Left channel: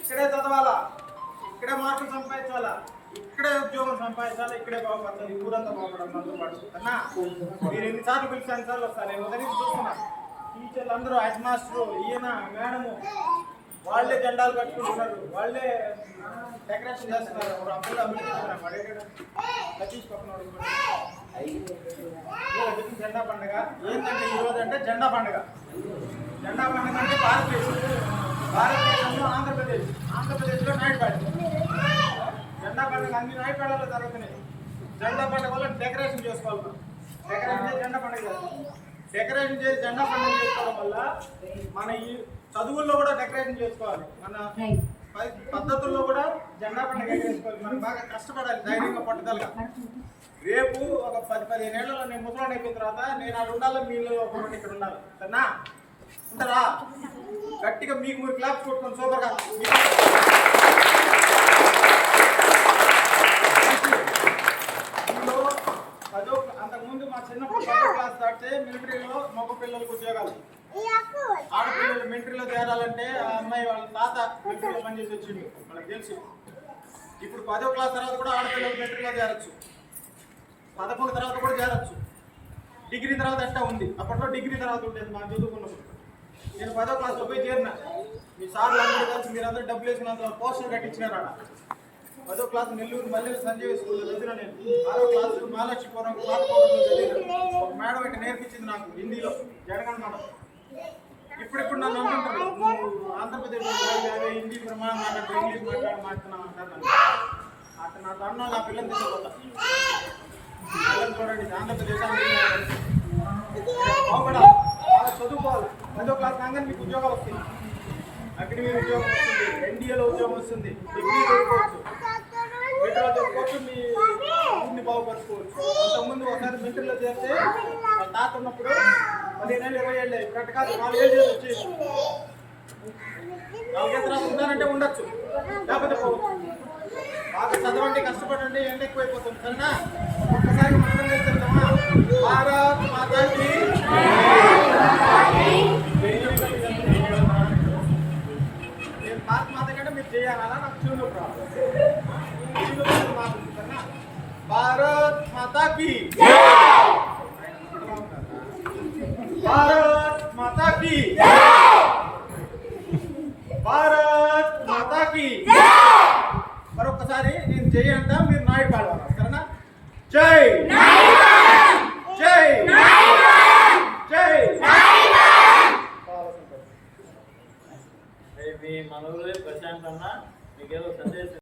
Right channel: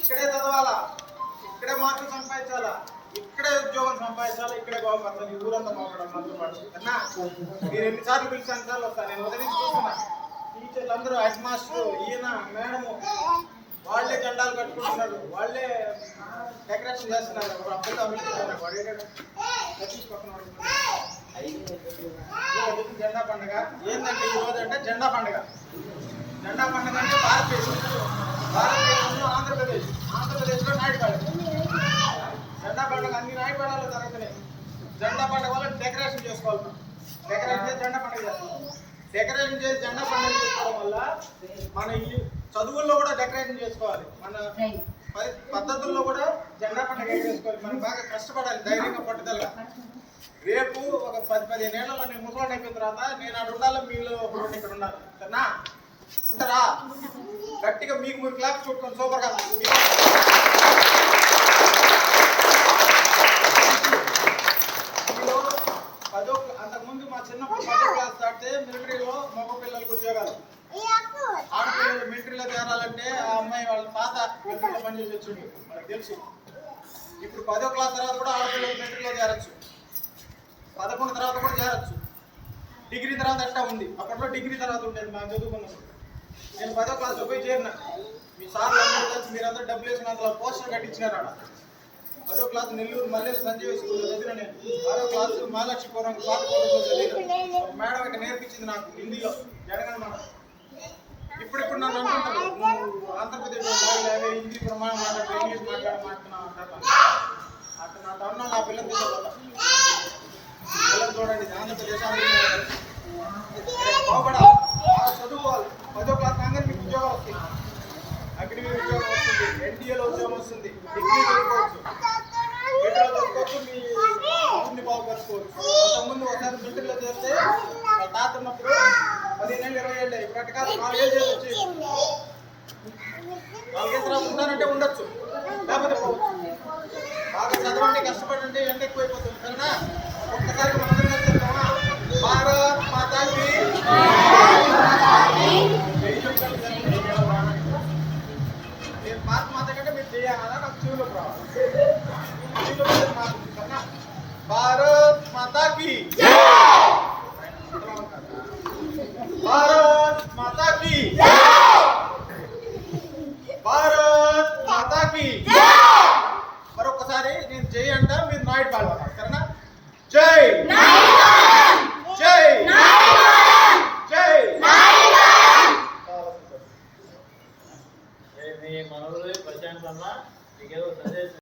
ఇక్కడే చదవాలా, ఇక్కడే మార్కులు సంపాదించాలా, ఇక్కడే ఉద్యోగం సంపాదించాలా, ఇక్కడే బాగుపడతాను. ఈ ఊరంతా బాగుపడాలి మనతో పాటు అన్నా. మీరు ఎన్నిసార్లు పిలిచి అన్నిసార్లు వస్తాను. నేను మొదటి నుంచి చూస్తున్నా. టీచర్లు అందరూ, హెడ్ మాస్టరు, ఈయన మేడము వాళ్ళే జెండాలు కట్టుకుంటున్నారు, వాళ్ళే డెకరేషన్ చేస్తున్నారు. అప్పుడు సతీష్ పక్కన జెండా పండుగ ఏంటంటే ఈరోజు అంటే జెండా పండుగ. జెండా పండుగ అంటే భారతదేశంలో ఆంధ్రప్రదేశ్లో నాయుడుపాడు. జెండా పండుగ అన్ని నాయుడుపాడాలో జరుగుతున్నాయి. జెండా పండుగ వల్ల డెకరేషన్ చేసుకోవాలి. డెకరేషన్ చేసి జెండా పండుగ చేస్తాం. డెకరేషన్ చేసి జెండా పండుగ చేసుకోవడం వల్ల మన ఈ చదువుల్లో కూడా డెకరేషన్ చేసుకోవాలి. మన పద్ధతుల్లో కూడా జెండా పండుగ ఎగరేసుకోవాలి. మనం బాగా కష్టపడాలి, ధైర్యంగా, పట్టుదలగా. రేపు ఒక 10-15 ఏళ్లలో నేను ముసలాన్ని అయిపోయిన తర్వాత నేను అక్కడ ఉండాలి, మీలో ఒక రెండు ఇక్కడ ఉండాలి. సరేనా? ఉంటారా? గట్టిగా మీకు మీరు క్లాప్స్ కొట్టుకోండి సూపర్గా. మీలో అంతకుముందు మా చిన్నప్పుడు 10వ క్లాస్ దాటితే మిలిటరీలో మగ పిల్లలకు ఉద్యోగాలు. ఆడపిల్లలు మిలిటరీలో చేరాలంటే ఆ అమ్మాయి వాళ్ళ తాత మిలిటరీలో పనిచేసి వచ్చింది, వాళ్ళకి తెలుసు. ఇప్పుడు 10వ క్లాస్ తర్వాత కూడా ఆడపిల్లలు మిలిటరీలో చేరచ్చు, 11 తర్వాత కూడా చేరచ్చు. డిగ్రీ తర్వాత ఎట్టా ఉంది. అప్పట్లో డిగ్రీ తర్వాత ఉండేది మా చదువుకున్నప్పుడు. నేను 10వ క్లాస్లో పోయి చేరిన. మీ సార్లు అందరూ కలిసి మీరందరూ డబ్బులు వేసుకున్నంత పోస్టర్ కట్టించినారు. ఆడ 10వ క్లాస్ నెల్లూరు మల్లెలు సంజీవ స్కూల్లో చదివిన నేను. 6వ క్లాసు మహాలక్ష్మీపురం పాతకోటలో చదివిన. ఒక మేడం ఇట్లా నేర్పించింది నాకు హిందీలో, జడగన్ మేడం. ఇప్పుడు నన్ను అనుకుంటారు, నువ్వు ఆంధ్రప్రదేశ్లో హిందీ ప్రమాణం మాట్లాడుతూ ఇంగ్లీష్ మాట్లాడుతున్నావు అంటారు. అట్లా నా తరుణం నా పిల్లలు తీసుకోపోతా. పిల్లలు చూడండి, ఆంధ్రప్రదేశ్ బాగుపడాలి, బాగా చదువుకోవాలి. 10వ క్లాస్ కాగానే మీకు ఉద్యోగాలు వస్తాయి. అగ్నివీ ఉద్యోగం వస్తుంది, ఎన్డీఏలో ఉద్యోగం వస్తుంది, డిగ్రీ చదువుకోవచ్చు, మిలిటరీలో చదువుకోవచ్చు, మీ ఊరిని బాగుపరుచుకోవచ్చు. అంతకుముందు ఒకసారి మిలిటరీలో చేస్తే వాళ్ళ తాత ఉన్నప్పుడు 15 ఏళ్ళు 20 ఏళ్ళు, ఇప్పుడు అట్ట కాదు 4 ఏళ్ళు చేసి వచ్చి 4 ఏళ్ళ తర్వాత ఉంటానంటే ఉండొచ్చు, లేకపోతే పోవచ్చు. బాగా చదవండి, కష్టపడండి, ఎండ ఎక్కువైపోతుంది. సరేనా? ఒక్కసారి మనందరం కలిసి చెప్తామా? భారత్ మాతాకి నేను భారత్ మాత కంటే మీరు చేయాలా? నాకు చెవులో రావాలి. సరేనా? భారత్ మాతాకి, భారత్ మాతాకి, భారత్ మాతాకి. మరొకసారి నేను జై అంట, మీరు నాయుడు పాడవాలి. సరేనా? జై జై జై. మీ మనవులు ప్రశాంత్ అన్న మీకేదో సందేశం